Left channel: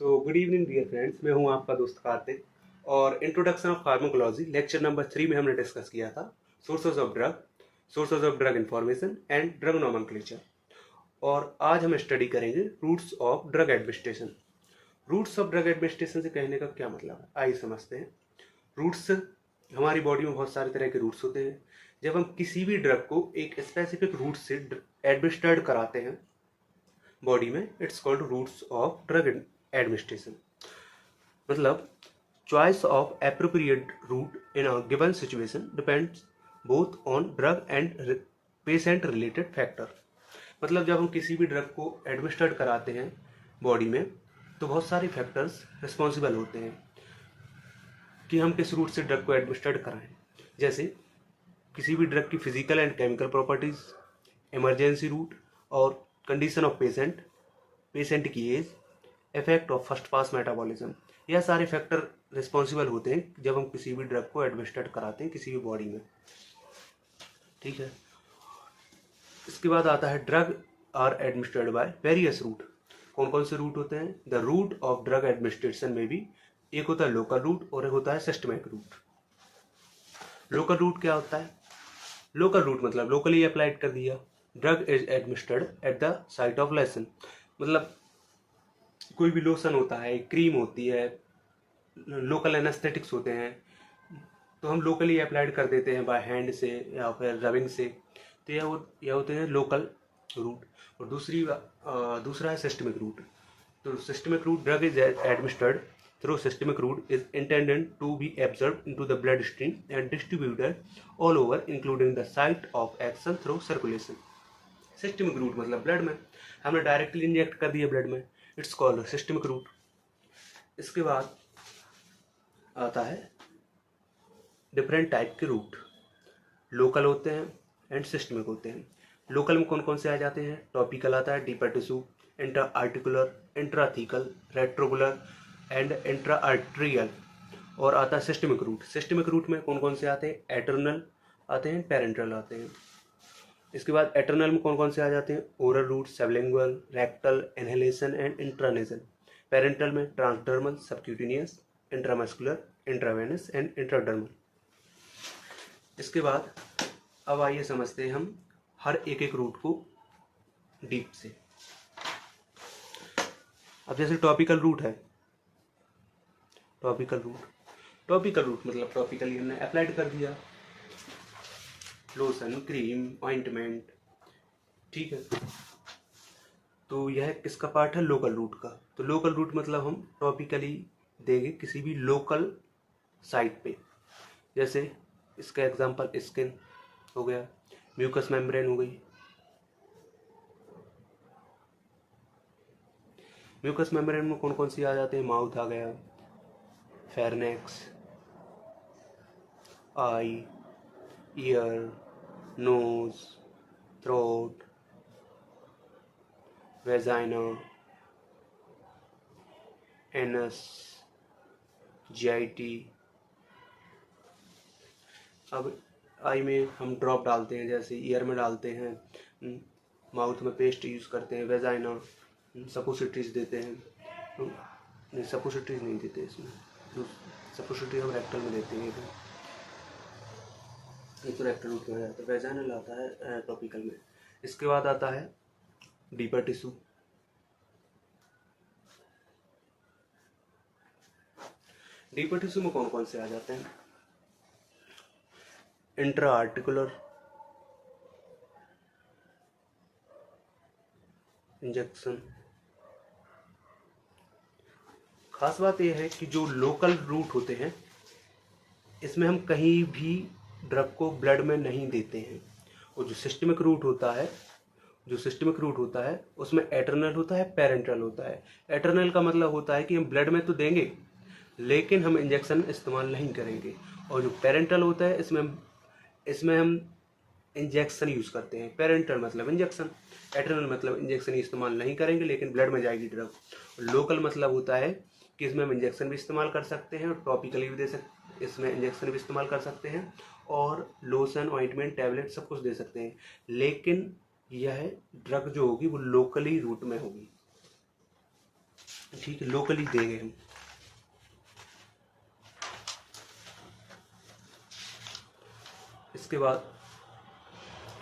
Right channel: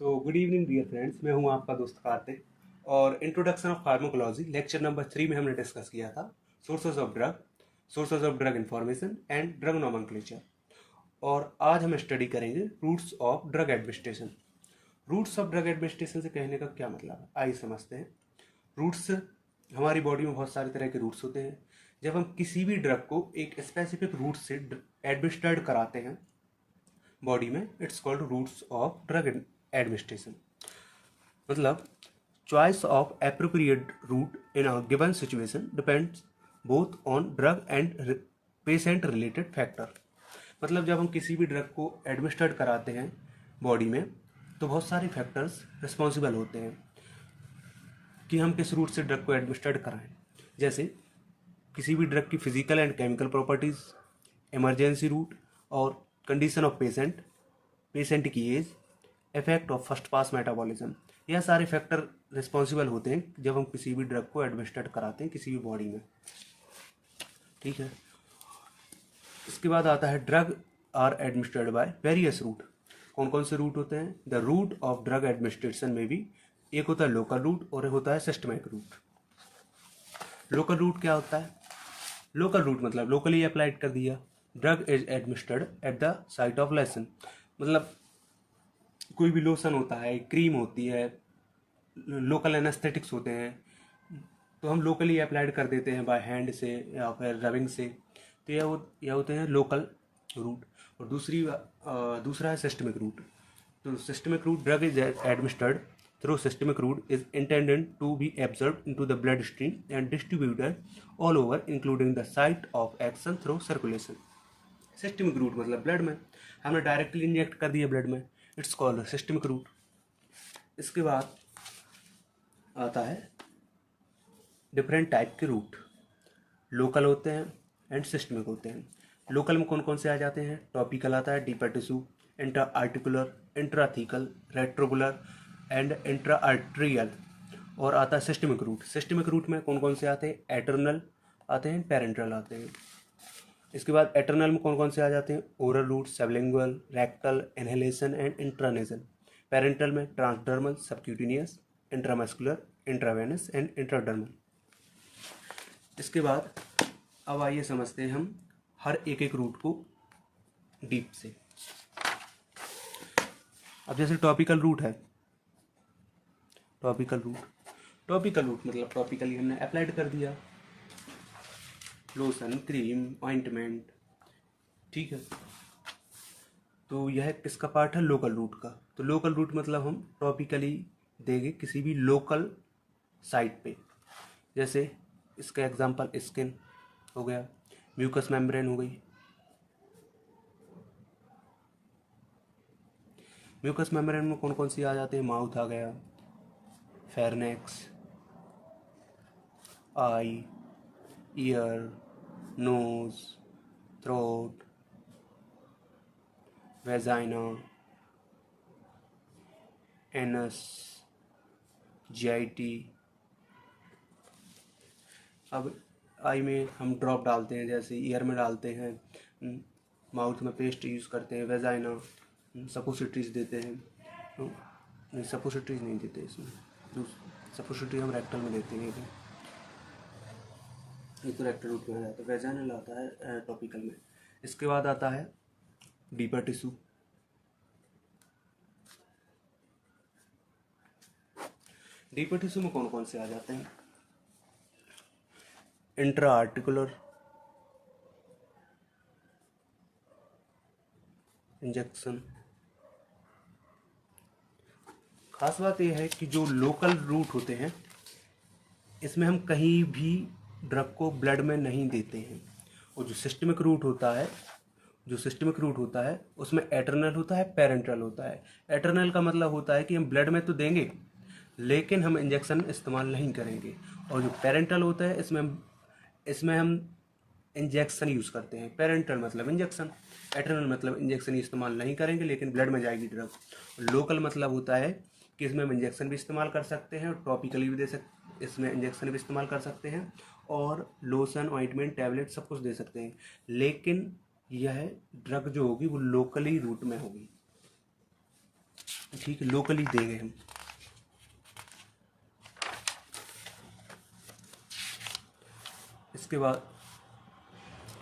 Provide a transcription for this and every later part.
Good evening dear friends, मैं हूं आपका दोस्त कार्तिक। और introduction of pharmacology lecture number 3 में हमने डिस्कस किया था sources of drug information and drug nomenclature. और आज हम स्टडी करेंगे routes of drug administration. Routes of drug administration से कहने का क्या मतलब है, आइए समझते हैं। रूट्स, हमारी बॉडी में बहुत सारे तरह के रूट्स होते हैं। जब हम किसी भी ड्रग को एक स्पेसिफिक रूट से एडमिनिस्ट्रेट कराते हैं बॉडी में, it's called routes of drug administration. मतलब choice of appropriate route in a given situation depends both on drug and patient related factor। मतलब जब हम किसी भी ड्रग को एडमिनिस्ट्रेट कराते हैं बॉडी में, तो बहुत सारे फैक्टर्स रिस्पॉन्सिबल होते हैं कि हम किस रूट से ड्रग को एडमिनिस्ट्रेट कराएं। जैसे किसी भी ड्रग की physical and chemical properties, emergency route और कंडीशन ऑफ पेशेंट की age, effect of first pass metabolism, यह सारे फैक्टर रिस्पॉन्सिबल होते हैं जब हम किसी भी ड्रग को एडमिनिस्ट्रेट कराते हैं किसी भी बॉडी में। ठीक है। इसके बाद आता है drug are administered by various route. कौन कौन से रूट होते हैं? The route of drug administration में भी एक होता है लोकल रूट और एक होता है सिस्टमिक रूट। लोकल रूट क्या होता है? लोकल रूट मतलब लोकली अप्लाइड कर दिया। Drug is administered at the site of lesson. मतलब कोई भी लोशन होता है, क्रीम होती है, लोकल एनेस्थेटिक्स होते हैं, तो हम लोकली अप्लाइड कर देते हैं बाय हैंड से या फिर रबिंग से। तो यह होते हैं लोकल रूट। और दूसरा है सिस्टमिक रूट। तो systemic route, drug is administered through systemic route is intended to be absorbed into the blood stream and distributed all over including the site of action through circulation. Systemic route मतलब blood में हमने directly inject कर दिया blood में, it's called systemic root. इसके बाद आता है डिफरेंट टाइप के रूट। लोकल होते हैं एंड सिस्टमिक होते हैं। लोकल में कौन कौन से आ जाते हैं? टॉपिकल आता है, deeper tissue, intra articular, intrathecal, retroocular and intra arterial. और आता है सिस्टमिक रूट। सिस्टमिक रूट में कौन कौन से आते हैं? एटर्नल आते हैं, पेरेंटल आते हैं। इसके बाद एटर्नल में कौन कौन से आ जाते हैं? Oral route, sublingual, rectal, inhalation and intranasal. Parenteral में transdermal, subcutaneous, intramuscular, intravenous and intradermal. इसके बाद अब आइए समझते हैं हम हर एक रूट को डीप से। अब जैसे टॉपिकल रूट है, टॉपिकल रूट मतलब टॉपिकली हमने अप्लाइड कर दिया लोशन, क्रीम, ऑइंटमेंट। ठीक है। तो यह किसका पार्ट है? लोकल रूट का। तो लोकल रूट मतलब हम टॉपिकली देंगे किसी भी लोकल साइट पे। जैसे इसका एग्जांपल स्किन हो गया, म्यूकस मेम्ब्रेन हो गई। म्यूकस मेम्ब्रेन में कौन कौन सी आ जाते हैं? माउथ आ गया, pharynx, eye, ear, nose, throat, vagina, anus, GIT. अब आई में हम ड्रॉप डालते हैं, जैसे ईयर में डालते हैं, माउथ में पेस्ट यूज़ करते हैं, वेजाइना सपोसिटरीज देते हैं। नहीं, सपोसिटरीज नहीं देते इसमें, सपोसिटरी हम रेक्टल में देते हैं। ये तो रेक्टल रूट में आ जाता है। वेजाइनल आता है टॉपिकल में। इसके बाद आता है डीपर टिश्यू। डीपर टिश्यू में कौन कौन से आ जाते हैं? Intra articular injection. खास बात यह है कि जो लोकल रूट होते हैं इसमें हम कहीं भी ड्रग को ब्लड में नहीं देते हैं। और जो सिस्टमिक रूट होता है उसमें एटर्नल होता है, पेरेंटल होता है। एटर्नल का मतलब होता है कि हम ब्लड में तो देंगे लेकिन हम इंजेक्शन इस्तेमाल नहीं करेंगे। और जो पेरेंटल होता है इसमें हम इंजेक्शन यूज़ करते हैं। पेरेंटल मतलब इंजेक्शन, एटर्नल मतलब इंजेक्शन इस्तेमाल नहीं करेंगे लेकिन ब्लड में जाएगी ड्रग। लोकल मतलब होता है कि इसमें हम इंजेक्शन भी इस्तेमाल कर सकते हैं और टॉपिकली भी इसमें इंजेक्शन भी इस्तेमाल कर सकते हैं और लोशन, ऑइंटमेंट, टैबलेट सब कुछ दे सकते हैं। लेकिन यह ड्रग जो होगी वो लोकली रूट में होगी। ठीक है, लोकली देंगे हम। इसके बाद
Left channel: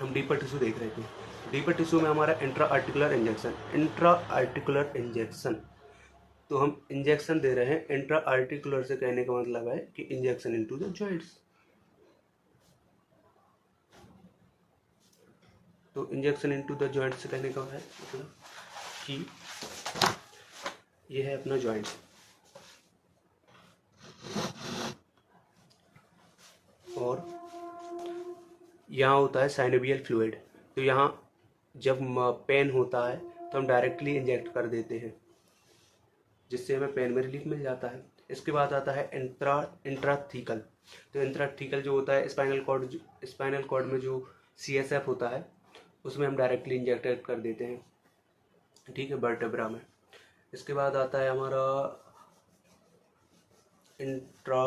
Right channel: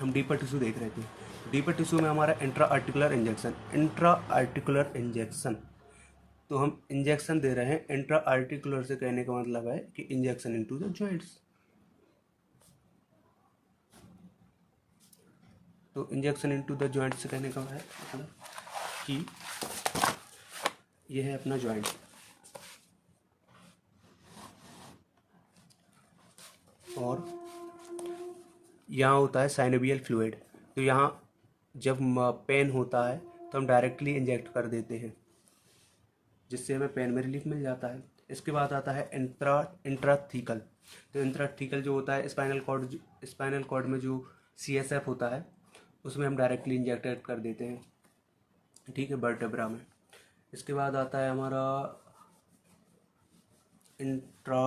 हम डीपर टिश्यू देख रहे थे। डीपर टिश्यू में हमारा इंट्रा आर्टिकुलर इंजेक्शन, तो हम इंजेक्शन दे रहे हैं। इंट्रा आर्टिकुलर से कहने का मतलब है कि इंजेक्शन इनटू द जॉइंट्स। तो इंजेक्शन इनटू द जॉइंट से कहने का है मतलब कि यह है अपना जॉइंट, और यहाँ होता है साइनोवियल फ्लूइड। तो यहाँ जब पेन होता है तो हम डायरेक्टली इंजेक्ट कर देते हैं, जिससे हमें पेन में रिलीफ मिल जाता है। इसके बाद आता है इंट्राथीकल। तो इंट्राथीकल जो होता है स्पाइनल कॉर्ड में जो CSF होता है उसमें हम डायरेक्टली इंजेक्ट कर देते हैं, ठीक है, वर्टेब्रा में। इसके बाद आता है हमारा इंट्रा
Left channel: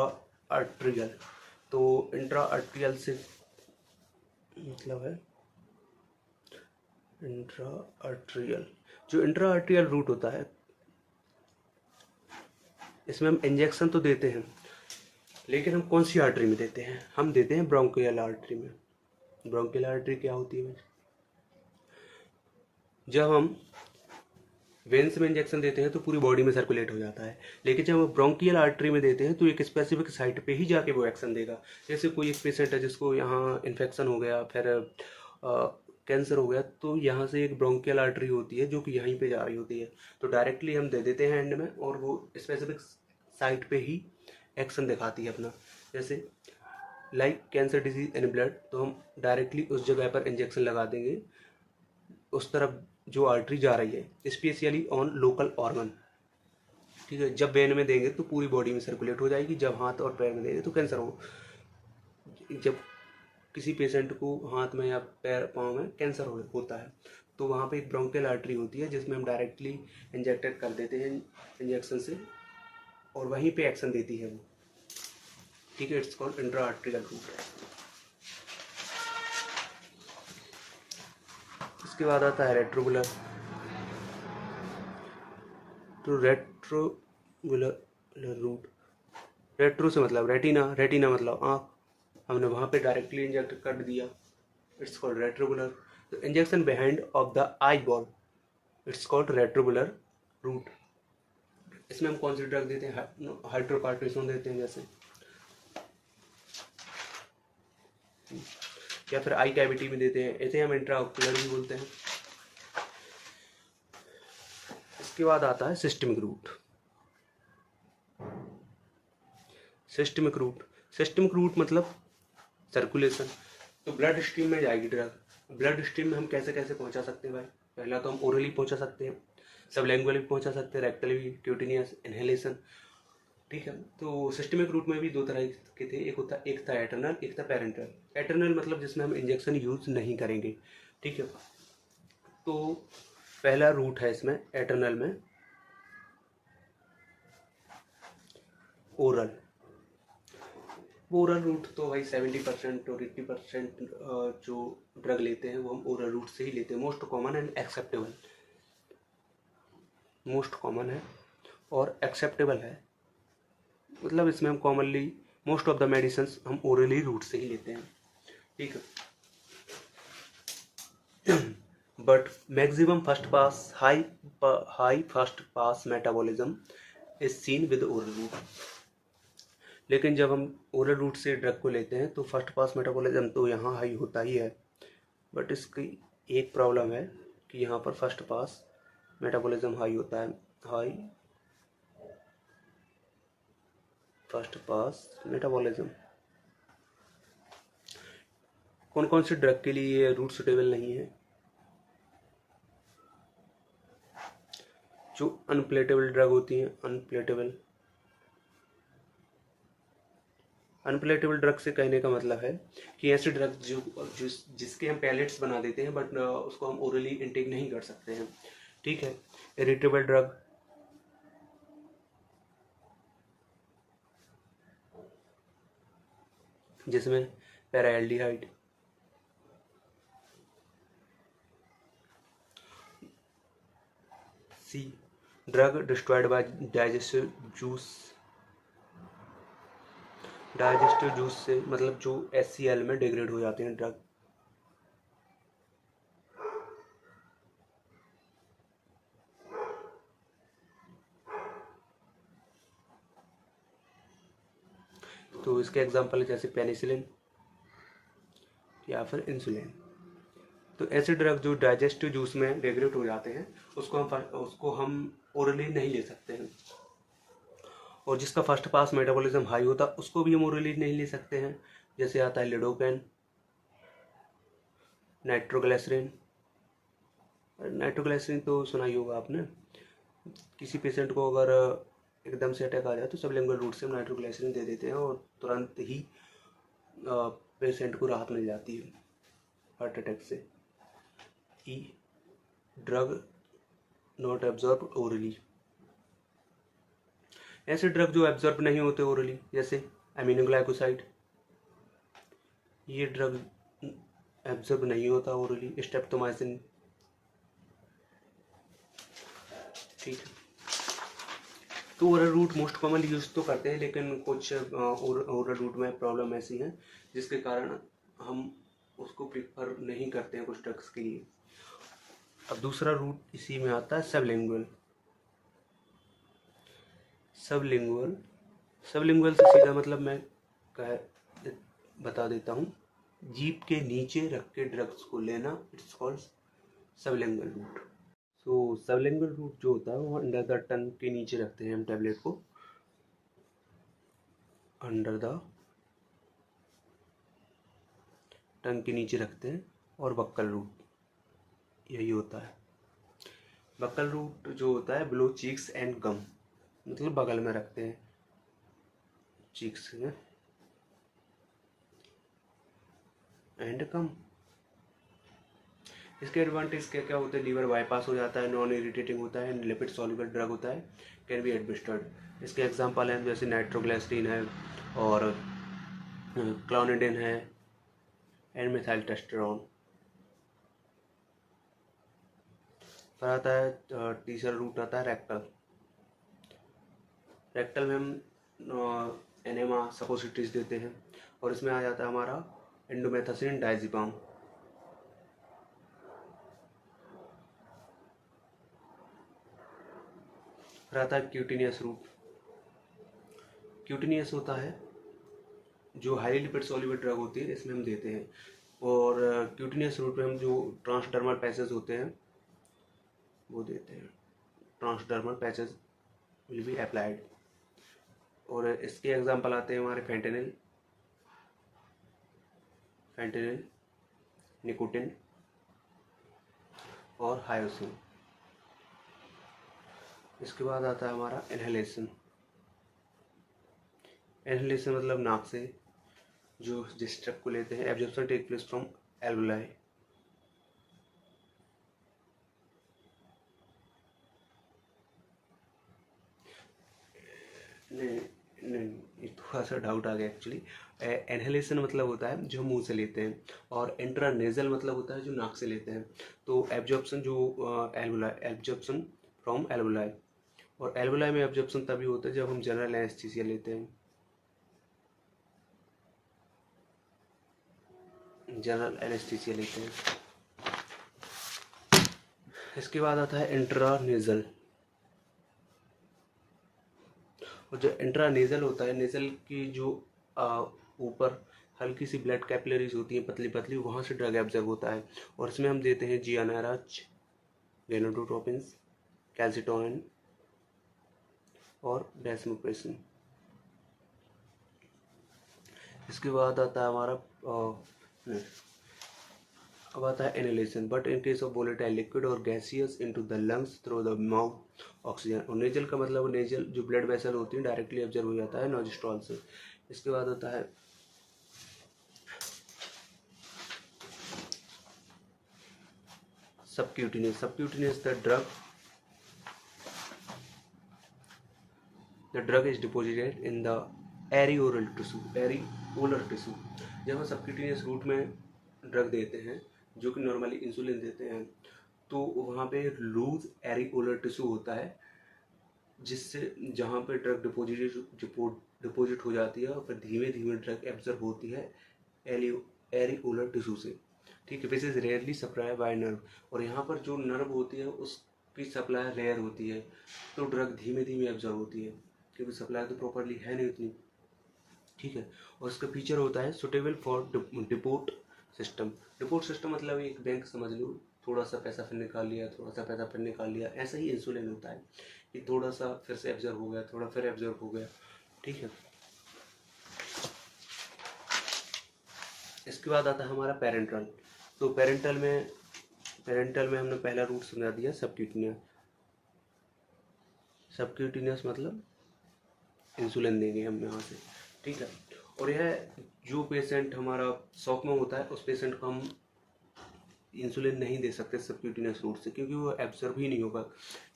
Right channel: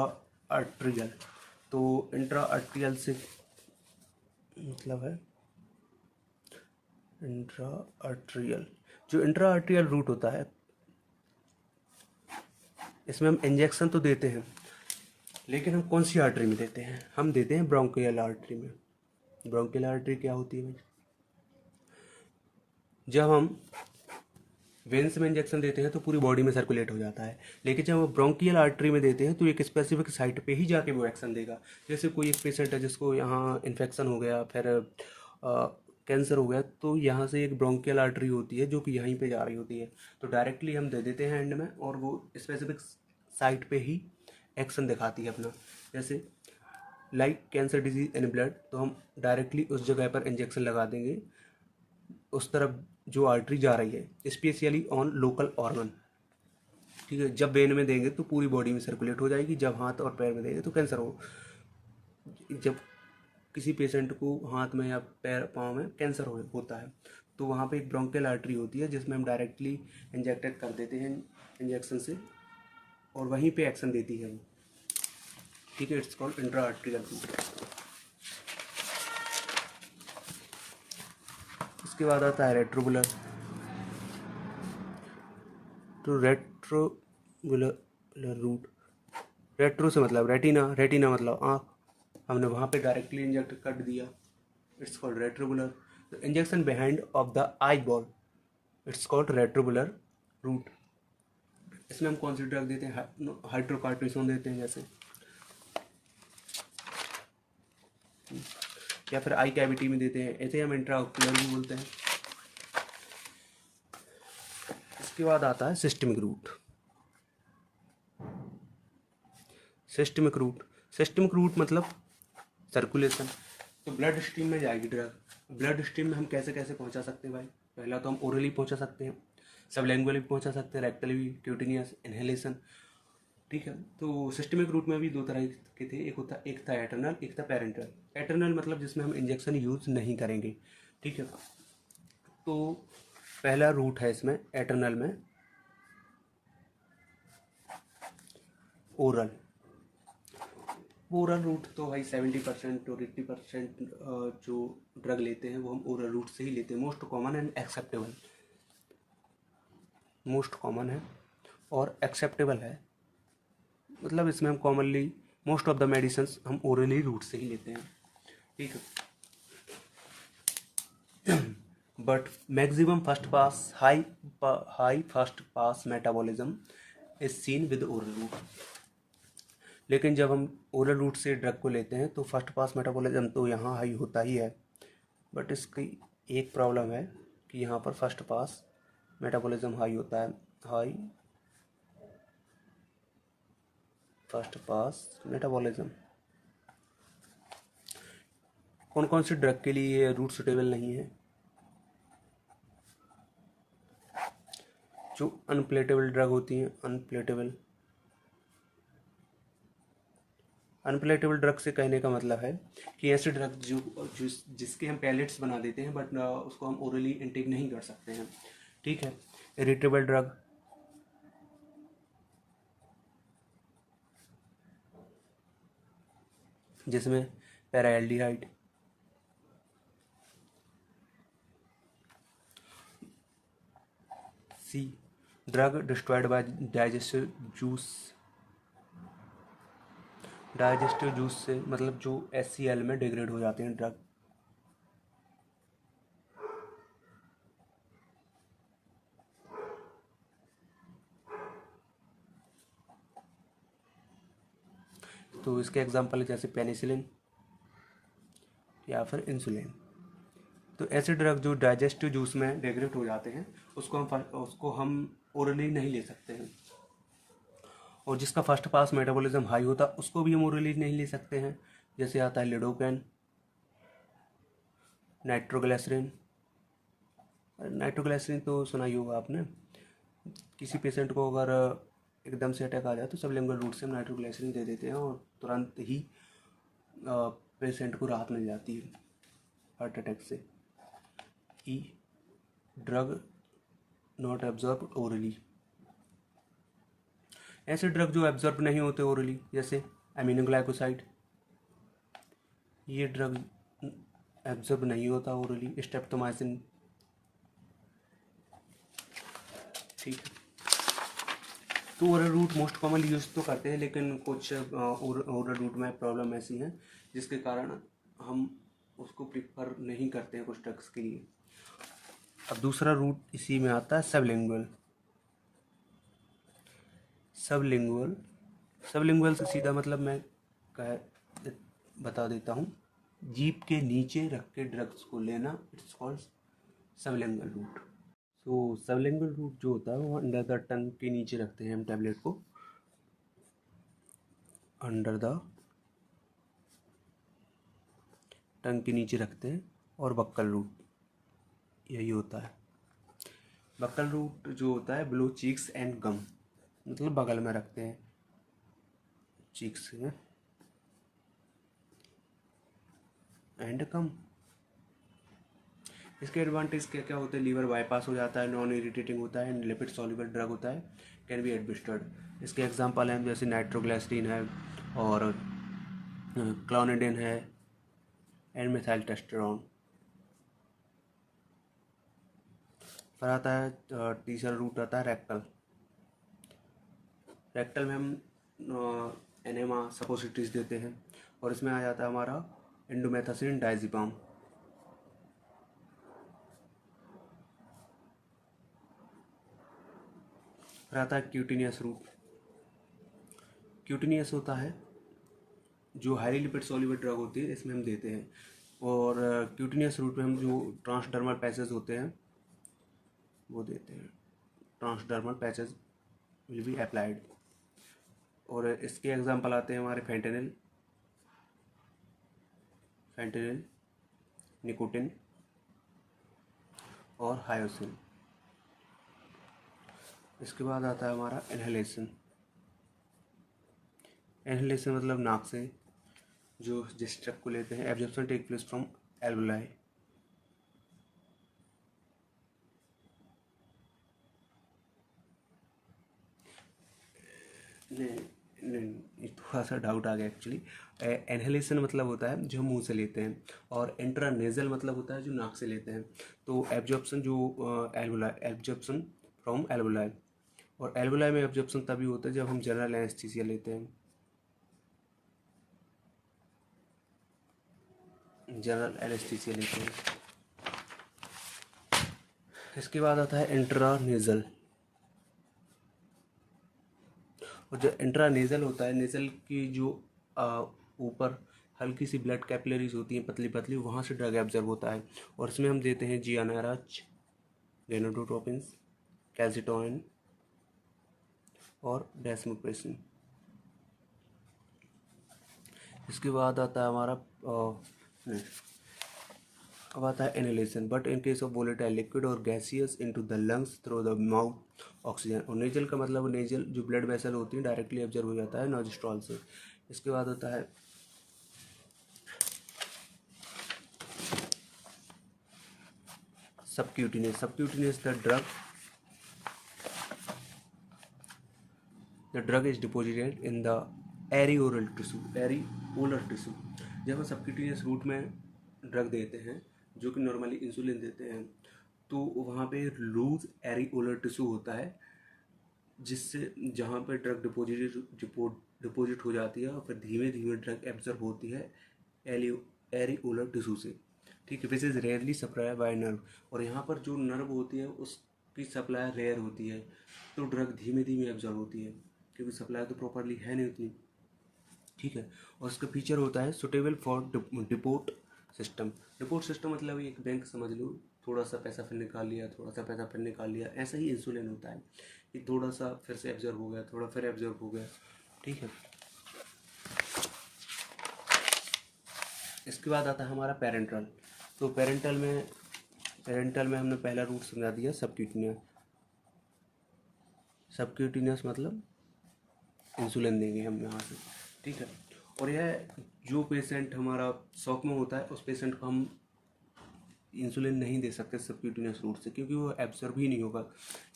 आर्ट्रियल। तो इंट्रा आर्ट्रियल से मतलब है इंट्रा आर्ट्रियल, जो इंट्रा आर्ट्रियल रूट होता है इसमें हम इंजेक्शन तो देते हैं, लेकिन हम कौन सी आर्टरी में देते हैं? हम देते हैं ब्रोंकियल आर्टरी में। ब्रोंकियल आर्टरी क्या होती है? जब हम वेन्स में इंजेक्शन देते हैं तो पूरी बॉडी में सर्कुलेट हो जाता है, लेकिन जब हम ब्रोंकियल आर्टरी में देते हैं तो एक स्पेसिफिक साइट पे ही जाके वो एक्शन देगा। जैसे कोई एक पेशेंट है जिसको यहाँ इन्फेक्शन हो गया, फिर कैंसर हो गया, तो यहाँ से एक ब्रोंकियल आर्टरी होती है जो कि यहीं पे जा रही होती है, तो डायरेक्टली हम दे देते हैं एंड में, और वो स्पेसिफिक साइट पे ही एक्शन दिखाती है अपना। जैसे like cancer disease in blood, तो हम डायरेक्टली उस जगह पर इंजेक्शन लगा देंगे, उस तरफ जो आर्टरी जा रही है, स्पेशली ऑन लोकल ऑर्गन, ठीक है। जब वेन में देंगे तो पूरी बॉडी में सर्कुलेट हो जाएगी, जब हाथ और पैर में देंगे तो कैंसर हो। जब किसी पेशेंट को हाथ में या पैर पाँव में कैंसर होता है तो वहाँ पे एक ब्रोंकियल आर्टरी होती है जिसमें हम डायरेक्टली इंजेक्टेड कर देते हैं इंजेक्शन से, और वहीं पे एक्शन देती है वो, ठीक है। It's called intra arterial route. इसके बाद आता है रेट्रोबुलर। तो रेट्रोबुलर रूट, रेट्रो से मतलब रेटिना, रेटिना मतलब आँख, हमने वहाँ पे डायरेक्टली इंजेक्ट कर दिया, it's called retrobulbar. Injection behind of the eye ball, it's called retrobulbar route. इसमें हम कौन सी ड्रग देते हैं? हाइड्रोकार्टिसोन देते हैं जैसे, या फिर आई कैविटी में देते हैं, ऐसे हम इंट्राओकुलर भी बोलते हैं। इसके बाद आता है systemic route. Systemic route, systemic route मतलब सर्कुलेशन। तो ब्लड स्ट्रीम में जाएगी ड्रग। ब्लड स्ट्रीम में हम कैसे कैसे पहुंचा सकते हैं भाई? पहला तो हम ओरली पहुंचा सकते हैं, सबलैंगुअली पहुंचा सकते हैं, रेक्टली, क्यूटिनियस, इनहेलेशन, ठीक है। तो सिस्टमिक रूट में भी दो तरह के थे, एक था एटर्नल, एक था पेरेंटल। एटर्नल मतलब जिसमें हम इंजेक्शन यूज नहीं करेंगे, ठीक है। तो पहला रूट है इसमें एटर्नल में ओरल। ओरल रूट तो भाई 70% और 80% जो ड्रग लेते हैं वो हम ओरल रूट से ही लेते हैं। Most common and acceptable, most common है और एक्सेप्टेबल है, मतलब इसमें हम commonly most of the medicine हम ओरली रूट से ही लेते हैं, ठीक है। But maximum first pass high first pass metabolism is seen with oral route. लेकिन जब हम ओरल रूट से ड्रग को लेते हैं तो फर्स्ट पास मेटाबॉलिज्म तो यहाँ हाई होता ही है, बट इसकी एक प्रॉब्लम है कि यहाँ पर फर्स्ट पास मेटाबॉलिज्म हाई होता है, हाई फर्स्ट पास मेटाबॉलिज्म। कौन कौन सी ड्रग के लिए ये रूट सुटेबल नहीं है? जो अनप्लेटेबल ड्रग होती हैं, अनप्लेटेबल ड्रग से कहने का मतलब है कि ऐसे ड्रग जिसके हम पैलेट्स बना देते हैं बट उसको हम ओरली इनटेक नहीं कर सकते हैं, ठीक है। इरिटेबल ड्रग, जिसमें paraldehyde, see drug destroyed by digestive juice. Digestive juice से मतलब जो HCl में डिग्रेड हो जाते हैं ड्रग। तो इसके एग्जांपल जैसे पेनिसिलिन या फिर इंसुलिन। तो ऐसे ड्रग जो डाइजेस्टिव जूस में डिग्रेड हो जाते हैं उसको हम ओरली नहीं ले सकते हैं। और जिसका फर्स्ट पास मेटाबॉलिज्म हाई होता है उसको भी हम ओरली नहीं ले सकते हैं। जैसे आता है लिडोकैन, नाइट्रोग्लिसरीन। नाइट्रोग्लिसरीन तो सुना ही होगा आपने। किसी पेशेंट को अगर एकदम से अटैक आ जाए तो सबलिंगुअल रूट से हम नाइट्रोग्लिसरीन दे देते हैं और तुरंत ही पेशेंट को राहत मिल जाती है हार्ट अटैक से। ई ड्रग नॉट एब्जॉर्ब ओरली। ऐसे ड्रग जो एब्जॉर्ब नहीं होते ओरली, जैसे एमिनोग्लाइकोसाइड, ये ड्रग एब्जॉर्ब नहीं होता ओरली। स्ट्रेप्टोमाइसिन, ठीक है। तो oral route most commonly use तो करते हैं, लेकिन कुछ ओरल रूट में प्रॉब्लम ऐसी हैं जिसके कारण हम उसको प्रिफर नहीं करते हैं कुछ ड्रग्स के लिए। अब दूसरा रूट इसी में आता है सबलिंगुअल। सबलिंगुअल सबलिंगुअल से सीधा मतलब मैं बता देता हूँ, जीभ के नीचे रख के ड्रग्स को लेना, इट्स कॉल्ड सबलिंगुअल रूट। तो सबलिंगुअल रूट जो होता है वो अंडर द टंग के नीचे रखते हैं हम टैबलेट को, अंडर द टंग के नीचे रखते हैं। और बक्कल रूट यही होता है। बक्कल रूट जो होता है बिलो चीक्स एंड गम, मतलब बगल में रखते हैं चीक्स में एंड गम। इसके एडवांटेज क्या क्या होते हैं? लीवर बाईपास हो जाता है, नॉन इरिटेटिंग होता है एंड लिपिड सॉल्युबल ड्रग होता है, कैन बी एडमिनिस्टर्ड। इसके एग्जांपल हैं जैसे नाइट्रोग्लिसरीन है और क्लोनिडिन है एंड मिथाइल टेस्टोस्टेरोन। फिर आता है तीसरा रूट आता है रेक्टल। रेक्टल में हम एनेमा सपोसिटरीज देते हैं और इसमें आ जाता है हमारा इंडोमेथासिन डायज़ेपाम। फिर आता है क्यूटिनियस रूट। क्यूटिनियस होता है जो हाई लिपिड सॉल्युबल ड्रग होती है, इसमें हम देते हैं। और क्यूटिनियस रूट में हम जो ट्रांसडर्मल पैचेस होते हैं वो देते हैं। Transdermal patches will be applied. और इसके एग्जांपल आते हैं हमारे फेंटेनिल, निकोटिन और हायोसिन। इसके बाद आता है हमारा इनहेलेशन। इनहेलेशन मतलब नाक से जो जिस ड्रग को लेते हैं, absorption take place from alveoli. नहीं, थोड़ा सा डाउट आ गया एक्चुअली। इनहेलेशन मतलब होता है जो मुंह से लेते हैं और इंट्रानेजल मतलब होता है जो नाक से लेते हैं। तो एब्जॉर्प्शन जो एल्वुलाई, एब्जॉर्प्शन फ्रॉम एल्वुलाई। और एल्वुलाई में एब्जॉर्प्शन तभी होता है जब हम जनरल एनेस्थीसिया लेते हैं, जनरल एनेस्थीसिया लेते हैं। इसके बाद आता है इंट्रानेजल। और जो इंट्रानेजल होता है, नेजल की जो ऊपर हल्की सी ब्लड कैपिलरीज होती हैं पतली पतली, वहाँ से ड्रग एब्जॉर्ब होता है। और इसमें हम देते हैं GnRH, गेनोट्रोपिन्स, कैल्सिटोनिन और डेस्मोप्रेसिन। इसके बाद आता है हमारा अब आता है inhalation. But in case of volatile liquid और gaseous into the lungs through the mouth oxygen. और नेजल का मतलब नेजल जो ब्लड वेसल होती है डायरेक्टली ऑब्जर्व हो जाता है नोजिस्ट्रॉल से। इसके बाद होता है subcutaneous. Subcutaneous the drug is deposited in the areolar tissue. जब हम सबक्यूटिनियस रूट में ड्रग देते हैं जो कि नॉर्मली इंसुलिन देते हैं, तो वहाँ पे लूज एरिओलर टिश्यू होता है जिससे जहाँ पे ड्रग डिपोजिट हो जाती है और फिर धीमे धीमे ड्रग एब्जर्व होती है एरिओलर टिश्यू से, ठीक है, which is rarely supply bye nerve. और यहाँ पर जो नर्व होती है उसकी सप्लाई रेयर होती है, तो ड्रग धीमे धीमे एब्जर्व होती है क्योंकि सप्लाई तो प्रॉपरली है नहीं उतनी, ठीक है। और उसका फीचर होता है suitable for depot system. Depot system मतलब एक बैंक समझ लो, थोड़ा सा पैसा फिर निकाल लिया, थोड़ा सा पैसा फिर निकाल लिया, ऐसा ही इंसुलिन होता है कि थोड़ा सा फिर से एब्जर्व हो गया, थोड़ा फिर एब्जर्व हो गया, ठीक है। इसके बाद आता है हमारा पेरेंटल। तो पेरेंटल में हमने पहला रूट समझा दिया सबक्यूटिनियस। सबक्यूटिनियस मतलब इंसुलिन देंगे हम यहाँ से, ठीक है। और यह जो पेशेंट हमारा शॉक में होता है उस पेशेंट को हम इंसुलिन नहीं दे सकते सबक्यूटिनियस रूट से, क्योंकि वो एब्जर्व ही नहीं होगा,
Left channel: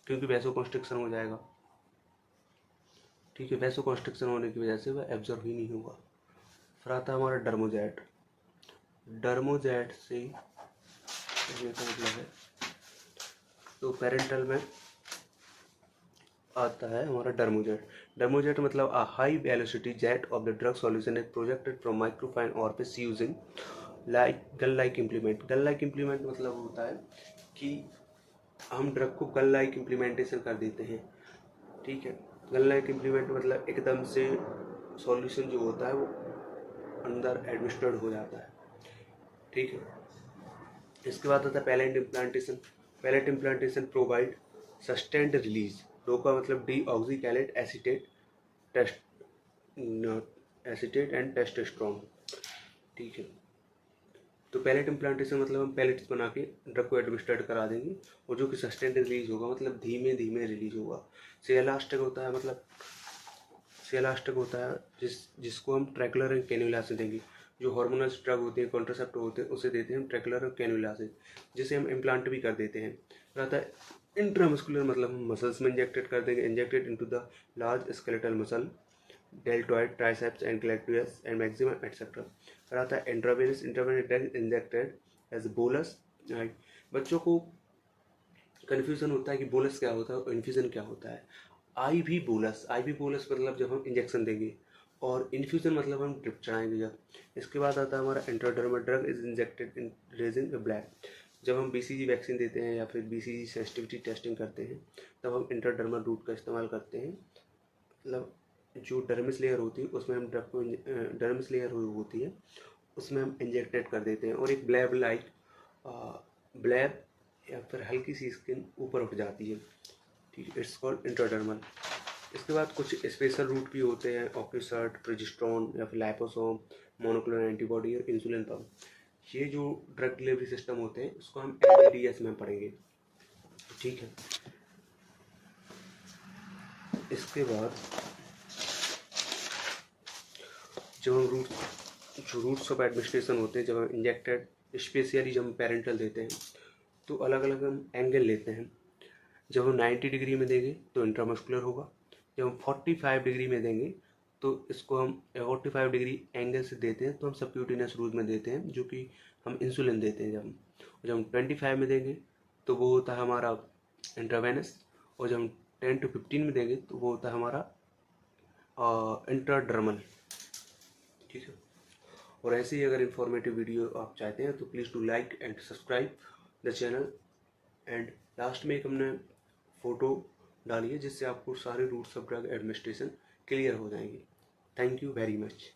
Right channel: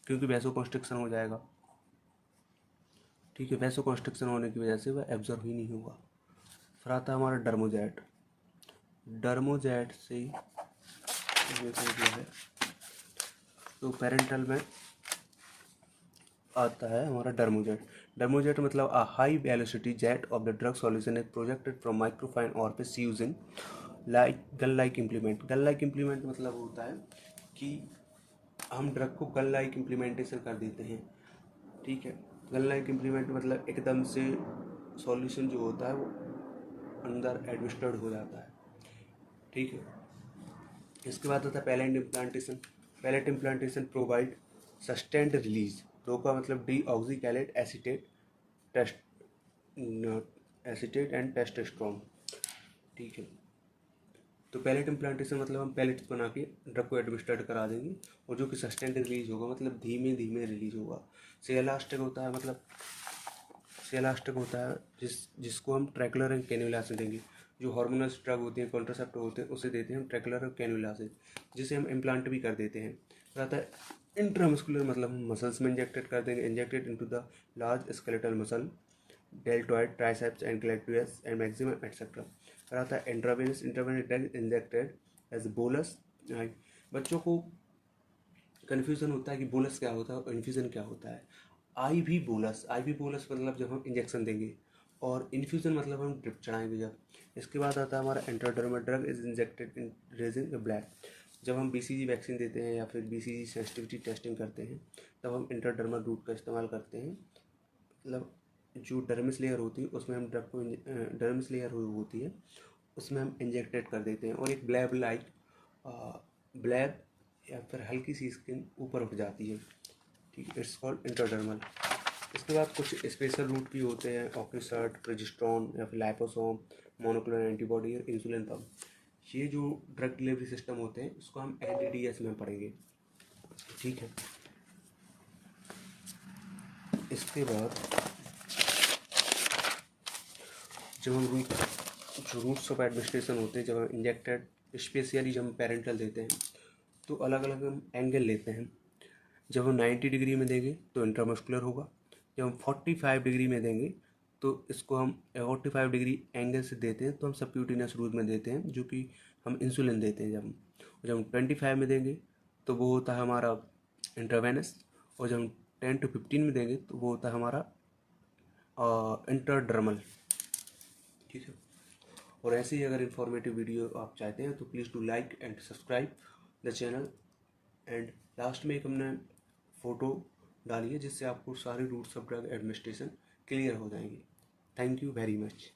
क्योंकि वैसोकंस्ट्रिक्शन हो जाएगा, ठीक है। वैसोकंस्ट्रिक्शन होने की वजह से वह एब्जर्व ही नहीं होगा। फिर आता है हमारा डर्मोजेट। डर्मोजेट से ये तो मतलब है, तो पेरेंटल में आता है हमारा डर्मोजेट। डर्मोजेट मतलब a high velocity jet of the drug solution is projected from microfine orifice using like gun like implement. Gun like implement मतलब होता है कि हम ड्रग को गन लाइक इम्प्लीमेंटेशन कर देते हैं, ठीक है। गन लाइक इम्प्लीमेंट मतलब एकदम से सॉल्यूशन जो होता है वो अंदर एडमिनिस्ट्रेड हो जाता है, ठीक है। इसके बाद आता है pellet implantation. Pellet implantation provide sustained release. रोका मतलब डी ऑक्सीकैलेट एसिटेट एंड टेस्टोस्टेरोन, ठीक है। तो पैलेट इम्प्लांटेशन मतलब हम पैलेट्स बना के ड्रग को एडमिनिस्ट्रेट करा देंगे और जो कि सस्टेंड रिलीज होगा मतलब धीमे धीमे रिलीज होगा। सेलास्टिक होता है मतलब सेलास्टिक होता है जिसको हम ट्रैकुलर एंड कैन्युला से देंगे। जो हार्मोनल ड्रग होते हैं, कॉन्ट्रासेप्टिव होते हैं, उसे देते हैं ट्रैकुलर और कैन्युला से, जिसे हम इम्प्लांट भी कर देते हैं। फिर आता है इंट्रामस्कुलर मतलब हम मसल्स में इंजेक्टेड कर देंगे, injected into the large skeletal muscle, deltoid, triceps and gluteus and maximum etcetera. फिर आता है intravenous. Intravenous drug injected as bolus. बच्चों को कन्फ्यूज़न होता है कि बोलस क्या होता है और इन्फ्यूज़न क्या होता है। आई भी बोलस मतलब जब हम इंजेक्शन देंगे, और इन्फ्यूज़न मतलब हम ड्रिप चढ़ाएंगे जब। इसके बाद आता है हमारा intradermal. Drug is injected in raising the black. जब हम BCG वैक्सीन देते हैं या फिर BCG सेंसिटिविटी टेस्टिंग करते हैं तब हम इंट्राडर्मल रूट का इस्तेमाल करते हैं। मतलब जो डर्मिस लेयर होती है उसमें हम ड्रग को डर्मिस लेयर होती है उसमें हम इंजेक्टेड कर देते हैं, और एक ब्लैब या फिर हल्की सी स्किन ऊपर उठ जाती है, ठीक है। It's called intradermal. इसके बाद कुछ स्पेशल रूट भी होते हैं, ऑक्यूसर्ट, प्रोजेस्टेरोन या फिर लाइपोसोम, मोनोक्लोनल एंटीबॉडी और इंसुलिन पंप। ये जो ड्रग डिलीवरी सिस्टम होते हैं उसको हम LDDS में पढ़ेंगे, ठीक है। इसके बाद जो रूट्स ऑफ एडमिनिस्ट्रेशन होते हैं, जब हम इंजेक्टेड स्पेशली जब हम पेरेंटल देते हैं तो अलग अलग हम एंगल लेते हैं। जब हम 90 डिग्री में देंगे तो इंट्रामस्कुलर होगा। जब हम 45 डिग्री में देंगे तो इसको हम 45 डिग्री एंगल से देते हैं तो हम सबक्यूटेनियस रूट में देते हैं, जो कि हम इंसुलिन देते हैं। जब हम 25 में देंगे तो वो होता है हमारा इंट्रावेनस, और जब हम 10 to 15 में देंगे तो वो होता है हमारा इंट्राडर्मल, ठीक है। और ऐसे ही अगर इन्फॉर्मेटिव वीडियो आप चाहते हैं तो please do like and subscribe the channel. And last में एक हमने फ़ोटो डाली है जिससे आपको सारे routes of drug administration clear हो जाएंगे। Thank you very much.